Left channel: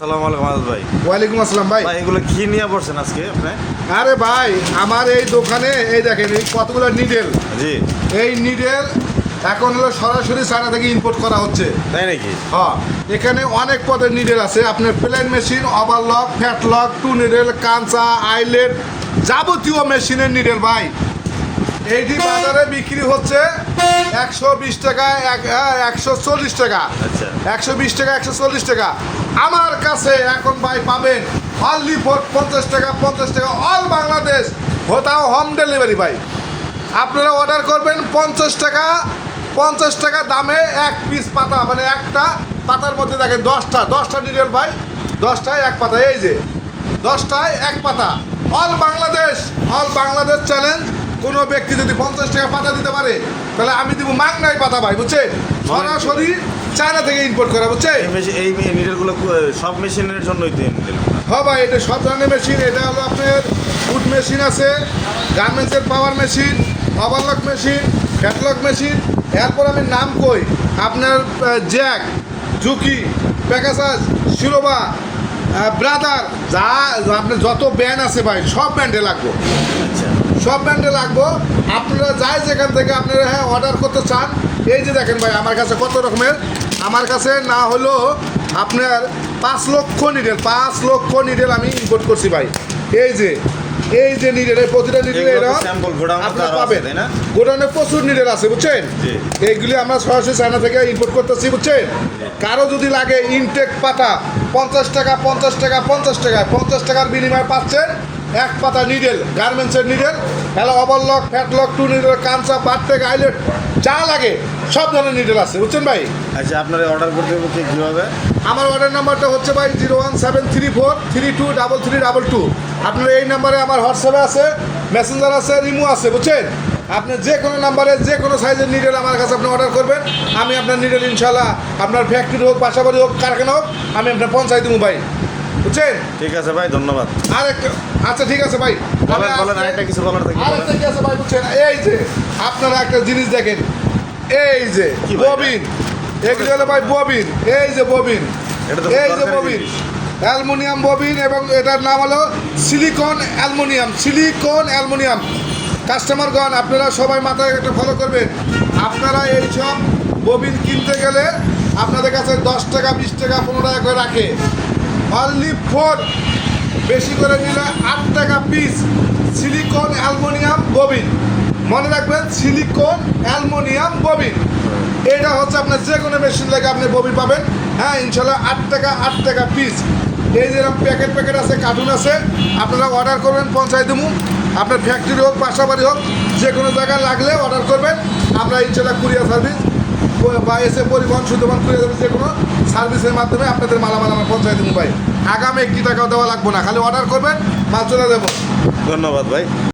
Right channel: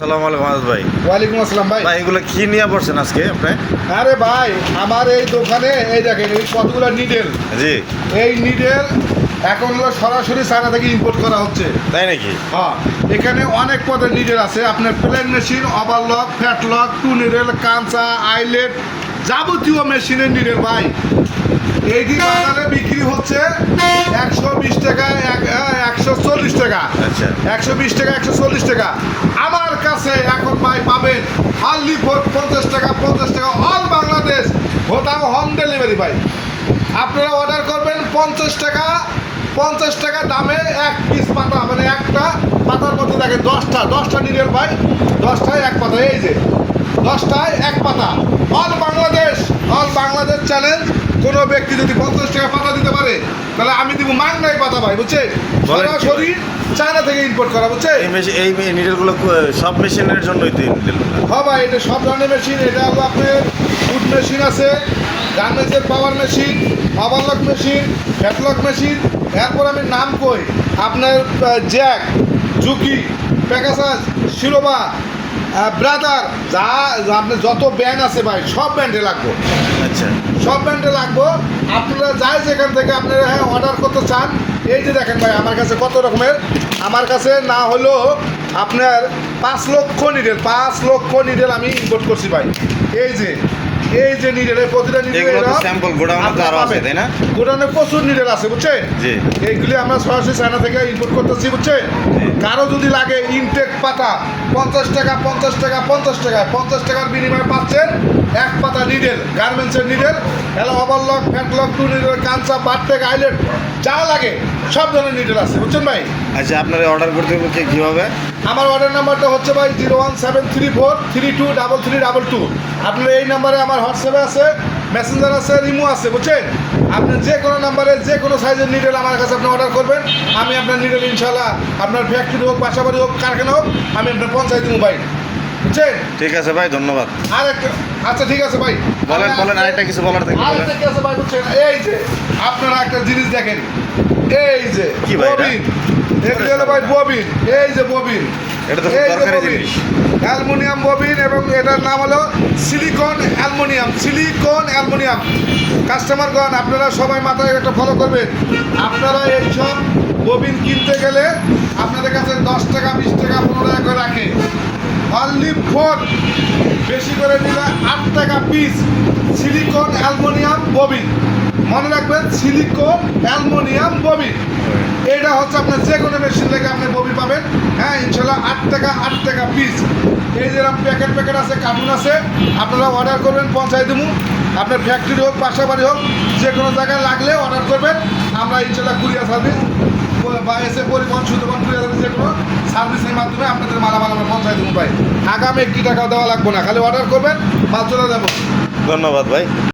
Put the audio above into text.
সালাম আলাইকুম আজাদ ভাই। ওয়ালাইকুম আসসালাম ভাই। ভাই এগুলো কি নিয়ে পড়ছেন আজকে আপনি? আরে ভাই আমার এই দোকানে এই দেখেন এই কতগুলো নিডেল জি। এই নিডেল এখন হলো সরাসরি চায়না থেকে ইম্পোর্ট করা হচ্ছে। তাই নাকি? হ্যাঁ এখানে অনেক পদের নিডেল আছে। আপনার plain machine overlock flatlock two needle কাঁচা আইলেট যাবতীয় মেশিনের নিডেল ভাই। এইটি বাজারে বিক্রি হচ্ছে একশো বিশ টাকা এক- একশো চল্লিশ টাকা। আচ্ছা। একশো বিশ টাকা একশো চল্লিশ টাকা। আমার কাছে এখন ভাই পাবেন অনলি ফোর পঞ্চাশ টাকা পঞ্চাশ টাকা অল বাংলাদেশ হোতাও হোম ডেলিভারি ভাই। আপনারা অর্ডার করবেন পঞ্চাশ টাকা পঞ্চাশ টাকা দামে এক পিস পাতা মানে একটা পাতার মধ্যে দেখেন দশটা দশটা নিরেল ভাই দশটায় এক পাতা এই যে দশটায় এক পাতা। All Bangladesh all Bangladesh challenge কোনো ব্যক্তি যদি পঞ্চাশ টাকা পাতা দিতে পারে তাহলে আমি দিব মাংনাই পাতা ভাই বুঝছে সরাসরি চায়না থেকে ইম্পোর্ট করা বুঝছে এই নিডেলগুলো সব মেশিনের জন্যই তো হ্যাঁ ভাই এটা সব ধরনের মেশিন এটা হলো আপনার ফুড মেশিন আছে গার্মেন্টসের power machine overlock machine flatlock machine এরপর আমি নাম কই? আপনার Jack Juki Pegasus Siruba Brother যা আপনার যত ব্যান্ড আছে ভাই সব ব্যান্ডে লাগবো। আচ্ছা। সব ব্র্যান্ডে লাগবো। আপনারা যাই যেখান থেকে আপনারা হ্যাঁ অর্ডার করতে চান এই যে দেখেন ভাই আমার কাছে কত রকমের। আমার কাছে না হলো আপনার পাঁচ লক্ষ নিডেল পাঁচ লক্ষ নিডেল আমি ইম্পোর্ট করছি ভাই। এই যে এই যে নিডেল এই প্রতিটা নিডেল sample গোডাউনে তো আরও আছে, তাই না? গোডাউনে প্রচুর নিডেল আছে বুঝছেন জি। এইগুলি আমরা সরাসরি চায়না থেকে ইম্পোর্ট করতেছি বুঝছেন কারও যদি লাগে ইনটেক পাতা পঞ্চাশ টাকা পঞ্চাশ টাকা পঞ্চাশ টাকা পঞ্চাশ টাকার বিনিময়ে পাচ্ছেন এক পাতা নিডেল গার্মেন্টসের needle hello overlock flatlock two needle Kancha পাটটেক আইলেট যা লাগে সব ধরনের নিডেল আছে বুঝছেন ভাই? আচ্ছা আপনারা অর্ডার করতে হবে কীভাবে? আমার অর্ডার নাম্বারটা হচ্ছে ভাই zero one seven three four three two double three double two আপনার এই নাম্বারে আমার হোয়াটসঅ্যাপে আছে মেসেঞ্জার আছে রিমু আছে বুঝছেন? আপনি যে কোনো নাম্বারে যে কোনো সাইজের নিডেল আমার কাছে আপনি অর্ডার করবেন। আমি আপনার নিডেল ইনশাল্লাহ আপনার ফ্যাক্টরি হোক বাসাবাড়ি হোক কারখানা হোক আমি আপনার পঞ্চায়েত দেবো ভাই। বুঝছেন? ঠিক আছে ভাই ধন্যবাদ। আর একটা আচ্ছা ঠিক আছে ভাই। বলেন বলেন আরেকটা কিছু বলার থাকলে বলেন। আরেকটা কি আছে ভাই বুঝছেন? এই যে আপনারা একটা জিনিস দেখেন। এই যে ববিন। এগুলো হলো ভাই ববিন। এই যে ববিন। এটা তো ববিন। অ্যালুমিনিয়াম ববিন এবং এটার নাম হলো সিলিকন অ্যালুমিনিয়াম। Silicon aluminium. কাস্টমারগণ আপনারা সবাই মাথায় একটা ফলো করবেন। আপনারা এই সব ববিন কিনতে গেলে আপনাদের কাছে দশ টাকা বিশ টাকা পনেরো টাকা করে রাখে। অনলি ফোর বেশি করে নিলে আট টাকা পিস সিলিকন অ্যালুমিনিয়াম ববিন। মনে রাখবেন সিলিকন অ্যালুমিনিয়াম ববিন এইটা হচ্ছে আপনার যে কোনো মেশিন লাগে আপনি ববি পাবেন। হ্যাঁ ইনশাল্লাহ আট টাকা আট টাকা পিস এই যেরকম প্যাকেট প্যাকেট আছে কার্টুন আছে, আপনারা অর্ডার করবেন পঞ্চায়েত দেবো। আপনার ফ্যাক্টরি হোক, বাসাবাড়ি হোক যে কোনো জায়গায় লাগলে অর্ডার করবেন। আমরা ইনশাল্লাহ কুরিয়ার সার্ভিস বা এসে পরিবহন সুন্দরবন কুরিয়ার সার্ভিস যে কোনো সার্ভিসের মাধ্যমে আপনাদের মালামাল আমরা পঞ্চায়েত দেবো ভাই। আগামী একটি টাকাও দেওয়া লাগবে না, খালি অর্ডার করবেন মাল চলে যাব। ধন্যবাদ ভাই।